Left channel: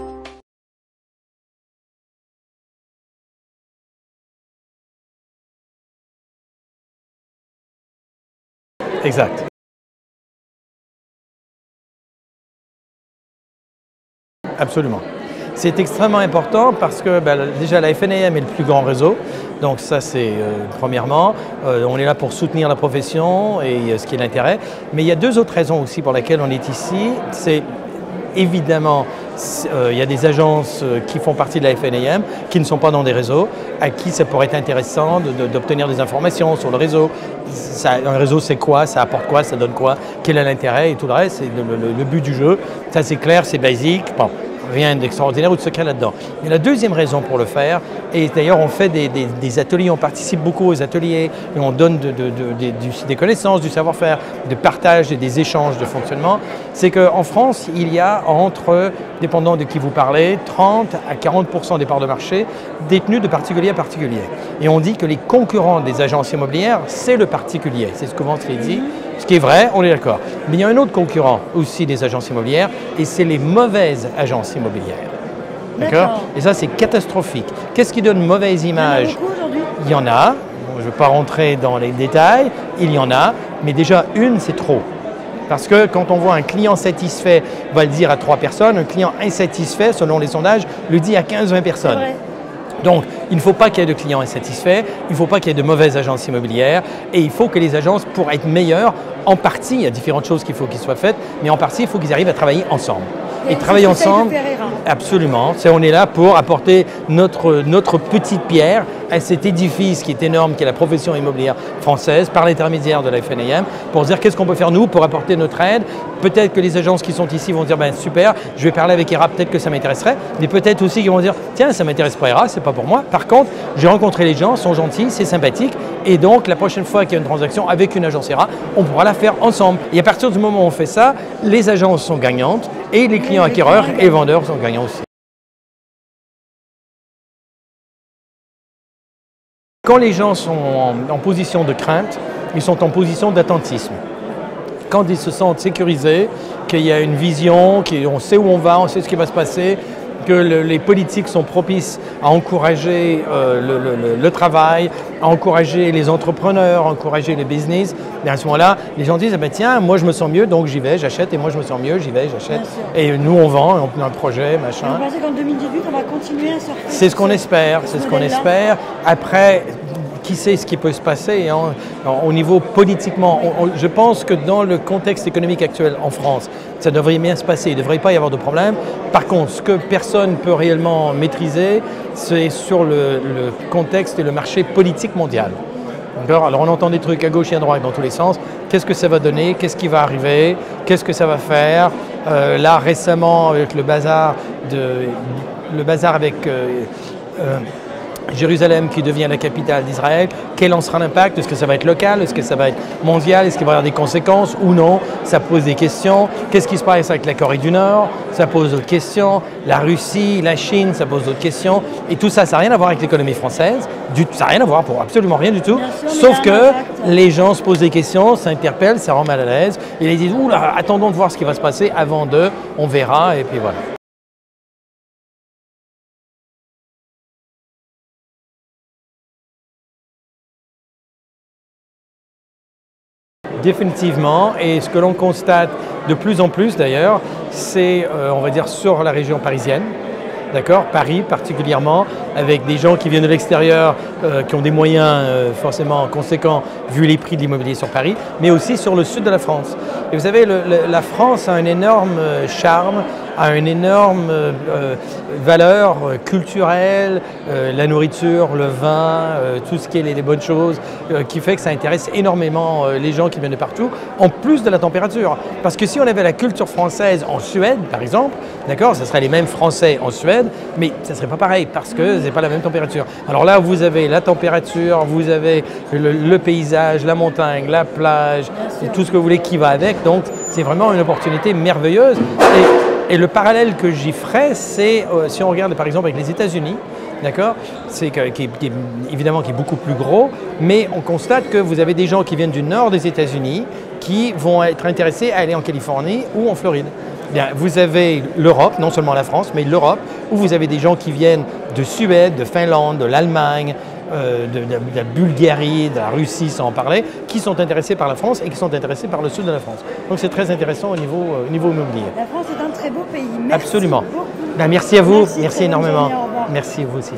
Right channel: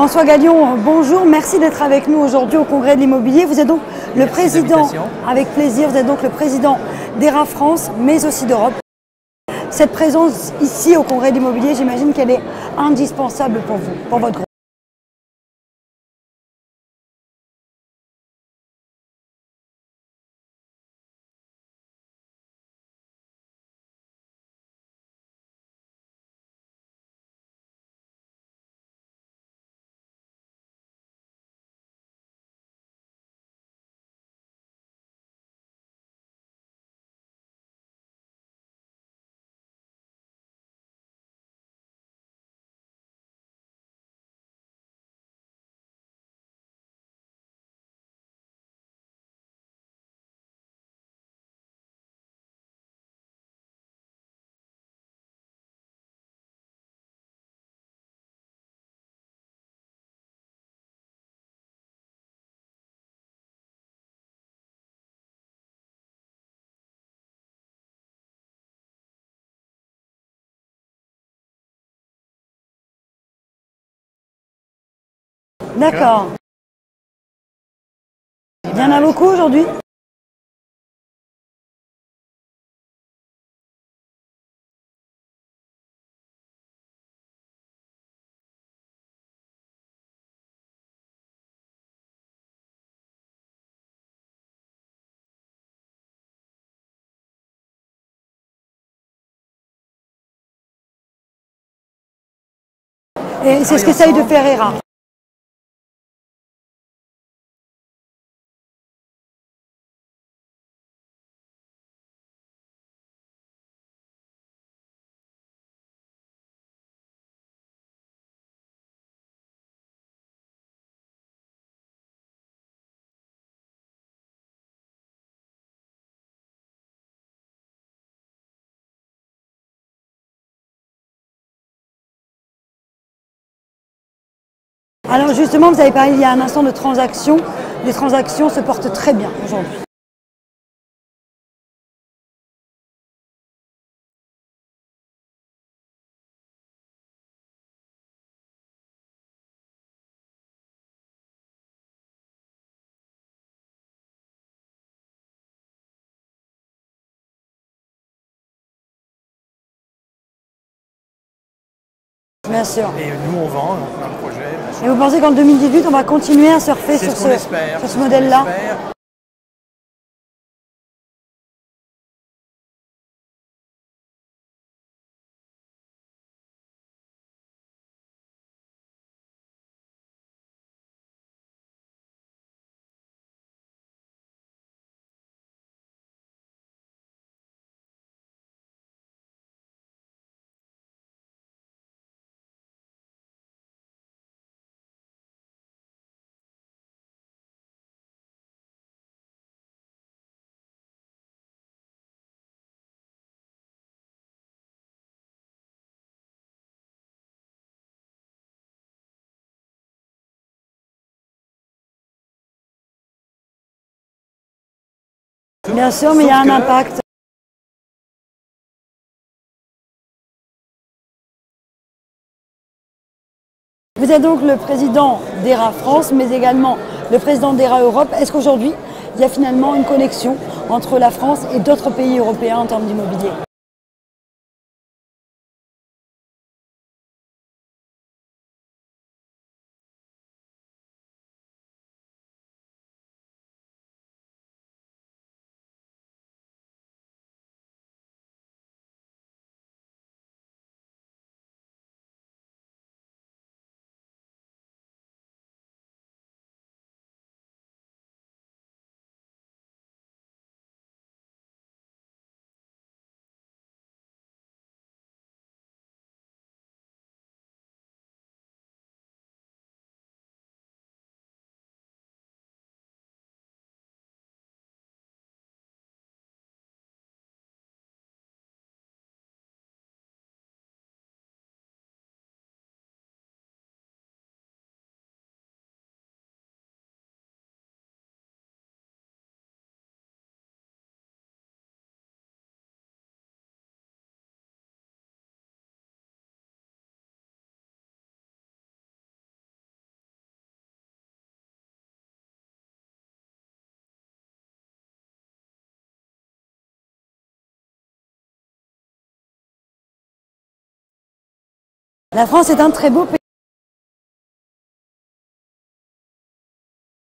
François Galion, bonjour, merci d'être avec nous aujourd'hui au Congrès de l'immobilier. Vous êtes donc le président, avec plaisir, vous êtes donc le président d'ERA France, mais aussi d'Europe. Exact. Cette présence ici au Congrès de l'immobilier, j'imagine qu'elle est indispensable pour vous, pour votre groupe. Absolument. C'est extrêmement important parce que déjà la FNAM est le plus grand réseau, donc ça c'est premièrement, on est là pour soutenir la profession et ce qui est l'intérêt, mais il y a deux autres raisons aussi pour lesquelles on est ici. C'est évidemment, il y a des agences qui font partie de la FNAM, qui ne sont pas dans des réseaux, à qui ça pourrait être intéressant d'obtenir des informations sur le réseau. Un réseau, c'est quoi, ça apporte quoi, ça donne quoi, quel est l'intérêt et tout le reste, c'est le but du jeu. Ça c'est clair, c'est basique. Bon. Rien d'extraordinaire ou de secret là-dedans. Mais la deuxième raison pour le faire, et d'ailleurs on fait des ateliers, on participe beaucoup aux ateliers, et on donne des connaissances, du savoir-faire, de partage et des échanges de fonctionnement, c'est qu'en France, il y a entre, dépendant de qui vous parlez, 30 à 40% des parts de marché détenues de particulier à particulier. Et on dit que les concurrents des agences immobilières, c'est le particulier. C'est ce que souvent c'est dit. Ce qui est vrai, on est d'accord. Mais il y a un autre concurrent aussi des agences immobilières, et c'est les mauvaises agences immobilières. D'accord. Et ça, c'est catastrophique. Qu'est-ce qui donne une mauvaise image? Il y en a beaucoup aujourd'hui? Il y en a. Bon, je ne vais pas rentrer dans les détails. Il y en a. Mais déjà, une, c'est trop. Parce que quand on voit un client satisfait, on va le dire à 3 personnes. Un client insatisfait, selon les sondages, le dit à 15-20 personnes. C'est vrai. Donc, il ne faut pas qu'il y ait de clients insatisfaits, il ne faut pas qu'il y ait de mauvaises agences immobilières et il faut que les agences, pour être meilleures, en partie, il y a différentes choses qu'il faut qu'ils soient faites, mais en partie, il faut qu'ils arrivent à travailler ensemble. Et c'est ce qu'essaye de faire ERA. Absolument. On est là pour apporter notre petite pierre à cet édifice qui est énorme, qui est la profession immobilière française, par l'intermédiaire de la FNAM, pour dire qu'est-ce qu'on peut faire nous pour apporter notre aide. Peut-être que les agences qui sont ici vont dire ben, super, je vais parler avec ERA, peut-être que ça m'intéresserait, mais peut-être aussi qu'ils vont dire tiens, ça ne m'intéresse pas ERA, c'est pas pour moi. Par contre, j'ai rencontré les gens, ils sont gentils, c'est sympathique, et donc la prochaine fois qu'il y a une transaction avec une agence ERA, on pourra la faire ensemble. Et à partir du moment où on fait ça, les agences sont gagnantes et les clients acquéreurs et vendeurs sont gagnants aussi. Alors justement, vous avez parlé il y a un instant de transactions. Les transactions se portent très bien aujourd'hui. Quand les gens sont en position de crainte, ils sont en position d'attentisme. Quand ils se sentent sécurisés, qu'il y a une vision, qu'on sait où on va, on sait ce qui va se passer, que les politiques sont propices à encourager le travail, à encourager les entrepreneurs, à encourager les business. Et à ce moment-là, les gens disent ah ben tiens, moi je me sens mieux, donc j'y vais, j'achète, et moi je me sens mieux, j'y vais, j'achète. Bien sûr. Et nous on vend, on a un projet, machin. Et vous pensez qu'en 2018, on va continuer à surfer C'est sur ce qu'on espère, ce modèle-là? Après, qui sait ce qui peut se passer au niveau politiquement. Je pense que dans le contexte économique actuel en France, ça devrait bien se passer, il ne devrait pas y avoir de problème. Par contre, ce que personne ne peut réellement maîtriser, c'est sur le contexte et le marché politique mondial. Alors on entend des trucs à gauche et à droite dans tous les sens. Qu'est-ce que ça va donner? Qu'est-ce qui va arriver? Qu'est-ce que ça va faire? Là récemment avec le bazar avec Jérusalem qui devient la capitale d'Israël, quel en sera l'impact? Est-ce que ça va être local? Est-ce que ça va être mondial? Est-ce qu'il va y avoir des conséquences ou non? Ça pose des questions. Qu'est-ce qui se passe avec la Corée du Nord? Ça pose d'autres questions. La Russie, la Chine, ça pose d'autres questions. Et tout ça, ça n'a rien à voir avec l'économie française. Ça n'a rien à voir, pour absolument rien du tout. Bien sûr, mais sauf il y a un que impact. Les gens se posent des questions, s'interpellent, ça rend mal à l'aise. Et ils disent, oula, attendons de voir ce qui va se passer avant on verra, et puis voilà. Vous êtes donc le président d'ERA France, mais également le président d'ERA Europe. Est-ce qu'aujourd'hui, il y a finalement une connexion entre la France et d'autres pays européens en termes d'immobilier? Définitivement, et ce que l'on constate de plus en plus d'ailleurs, c'est, on va dire, sur la région parisienne. D'accord, Paris particulièrement, avec des gens qui viennent de l'extérieur, qui ont des moyens forcément conséquents vu les prix de l'immobilier sur Paris, mais aussi sur le sud de la France. Et vous savez, la France a un énorme charme, a une énorme valeur culturelle, la nourriture, le vin, tout ce qui est les bonnes choses, qui fait que ça intéresse énormément les gens qui viennent de partout, en plus de la température. Parce que si on avait la culture française en Suède, par exemple, d'accord, ce serait les mêmes Français en Suède, mais ça ne serait pas pareil parce que ce n'est pas la même température. Alors là, vous avez la température, vous avez le paysage, la montagne, la plage, et tout ce que vous voulez qui va avec. Donc, c'est vraiment une opportunité merveilleuse. Et le parallèle que j'y ferais, c'est si on regarde par exemple avec les États-Unis, d'accord, évidemment qui est beaucoup plus gros, mais on constate que vous avez des gens qui viennent du nord des États-Unis qui vont être intéressés à aller en Californie ou en Floride. Bien, vous avez l'Europe, non seulement la France, mais l'Europe, où vous avez des gens qui viennent de Suède, de Finlande, de l'Allemagne, de la Bulgarie, de la Russie, sans en parler, qui sont intéressés par la France et qui sont intéressés par le sud de la France. Donc c'est très intéressant au niveau immobilier. La France est un très beau pays. Merci Absolument. beaucoup. Ben, merci à vous, Merci énormément. journée, au revoir. Merci vous aussi.